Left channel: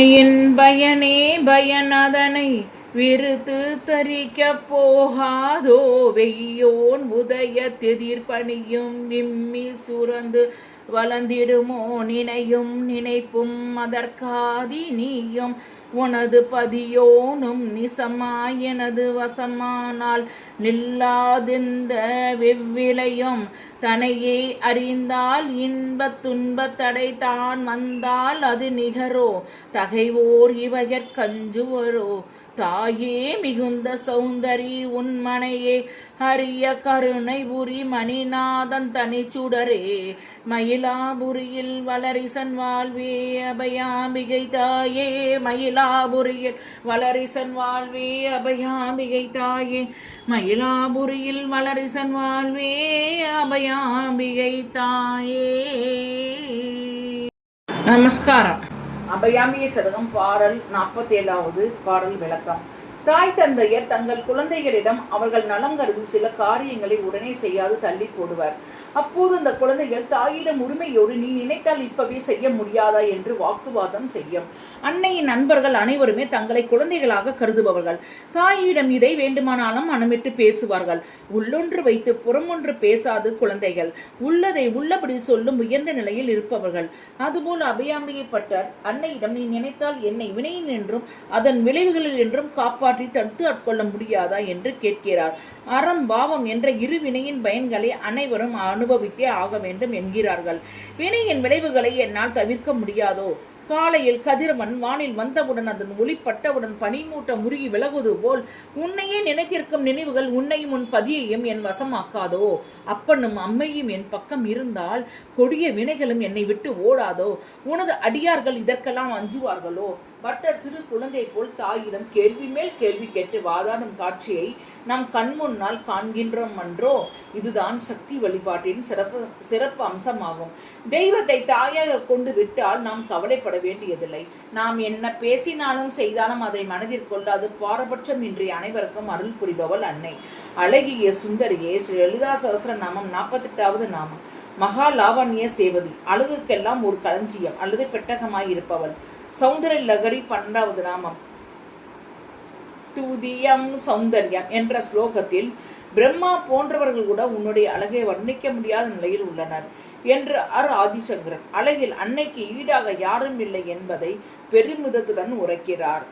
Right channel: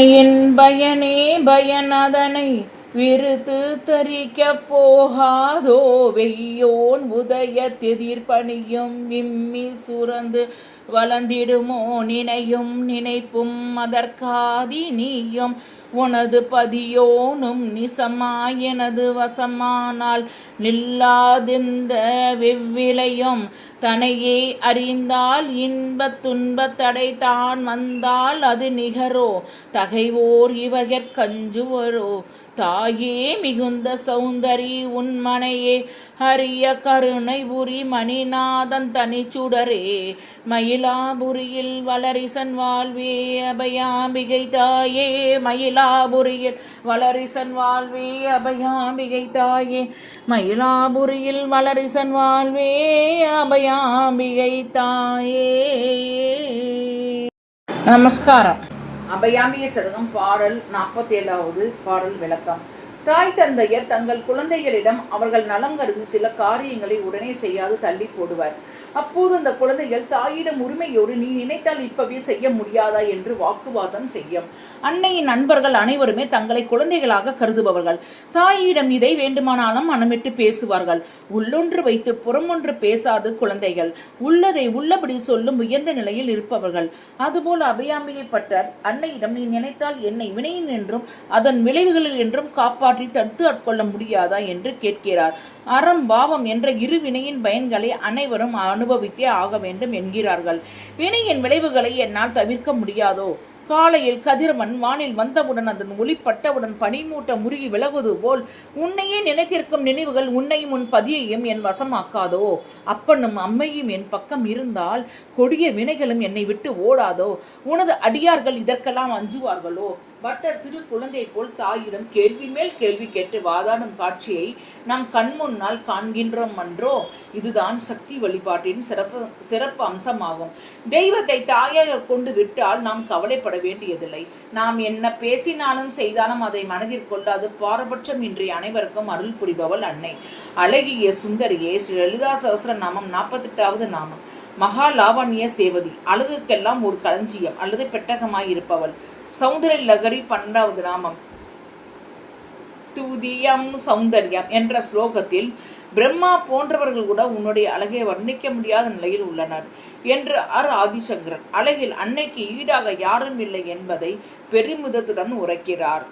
என் பயனே பயனதனை விருத்து தரிக்கப் போகாதோ வெய்யோன் உதய திதிர்பணியும் விம்மி சுரந்து வளர்ந்திடுமோ நினையும் நினைப்பும் அதற்காதி நீயும் உனது பதியோனும் நிசமாய் எனது வசமானால் நில்லாதிந்த வெவ்விலையும் தனையே அறிந்தால் இன்பத் துன்பத் தடை தான் வந்தால் அது நிகரோ தகைவோர் இவகற்கஞ்சுவரோ தாயே மிகுந்த சௌந்தரி உன்மனையே ஹரிய கருணை புரி மணிநாதன் தனிச்சுடரே மயிலாபுரியில் வளரிசன் வாழ்வே அபயாம்பிகை தாயே மயிலாபுரியில் வளரிசன் வாழ்வே அபயாம்பிகை தாயே மயிலாபுரியில் வளரிசன் வாழ்வே அபயாம்பிகை தாயே. நமஸ்காரம். அபயாம்பிகை சதகம் பாடல் 47வது பாடல் விளக்கம். தாய் தந்தையர் தங்கள் குழந்தைகளிடம் அவர்கள் நலம் கருதி சில காரியங்களை உடனே செய்யாது தள்ளி போடுவர். அப்போது அந்த குழந்தைகள் தாயிடம் உரிமையோடு நீ நினைத்தால் இப்பவே செய்ய முடியாதா என்று வாக்குவாதம் செய்யும். அன்னையின் நண்பர்கள் அனைவருமே தங்களை குழந்தைகளாக கருதுபவர்கள். தாயிடம் இதை வேண்டுமானாலும் மனமிட்டு பேசுவார்கள். உள்ளொன்று வைத்து புறமொன்று பேசாது குழந்தைகள். உள்ளதை உள்ளபடி சொல்லும் உயர்ந்த நிலையில் இருப்பவர்கள். அதுபோல் அபயாம்பிகை பட்டர் அன்னையிடம் நீ நினைத்தால் என்னை வினையின் என்றும் அதன் விளைவுகளில் என்றும் காப்பாற்றி தடுத்து ஆட்கொள்ள முடியாதா என்று கேட்கிறார். அறம் பாவம் என்ற இரு வினையின் பயன்களை அனைவரும் அனுபவித்தே ஆக வேண்டும் என்கிறார்கள். வினையின் விளைவுகளை என்னால் தவிர்க்க முடியாதோ? காலையில் கதிரவன் வானில் வந்தவுடன் அதன் ஒளிப்பட்டவுடன் பனிமூட்ட முருகி விலகுவது போல் உன்னையே நினைத்திருக்கும் நினைவுகள் உன்னையும் உன் பதியையும் என் வசமாக்காதோ? அப்பனும் அம்மையும் என் பக்கம் இருந்தால் கொடிய வினைகளும் என்னை விட்டு ஓடாதோ? உனது அடியார்கள் இதற்கெல்லாம் அஞ்சுவார்களோ? பட்டர் சிறு குழந்தை போல் தாயிடம் கேள்வி மேல் கேள்வி கேட்டு வாதாடும் காட்சியை நம் கண் முன்னால் காண்கின்றோம் என்றோ? இதுதான் சக்தி வழிபாட்டின் சிறப்பு அம்சமாகும். தெய்வத்தை தாயாக கொண்டு விட்டால் நாம் கவலைப்பட வேண்டியதில்லை. நாம் என்ன பேசினாலும் செய்தாலும் அதை மனதில் கொள்ளாது பாரபட்சம் இன்றி அனைவருக்கும் அருள் புரிபவள் அன்னை. அழகிய சுந்தரியே. ஸ்ரீ லலிதா சகஸ்ர நாமம் 48வது நாமம். மகா லாவண்ய சேவதி. அழகுக்கெல்லாம் ஒரு களஞ்சியம் அல்லது பெட்டகமாய் இருப்பவள். சௌந்தரிய லகரி 12வது நாமம். துதியம் சௌந்தர்யம் என்ற ஸ்லோகத்தில் பிரம்மா போன்றவர்கள் கூட உன்னுடைய அழகை வர்ணிக்க முடியாத நிலையில் உள்ளனர் என்று ஆதிசங்கரன் அழகில் அன்னைக்கு ஈடாக யாரும் இல்லை என்பதை பெருமிதத்துடன் உரைக்கிறார்.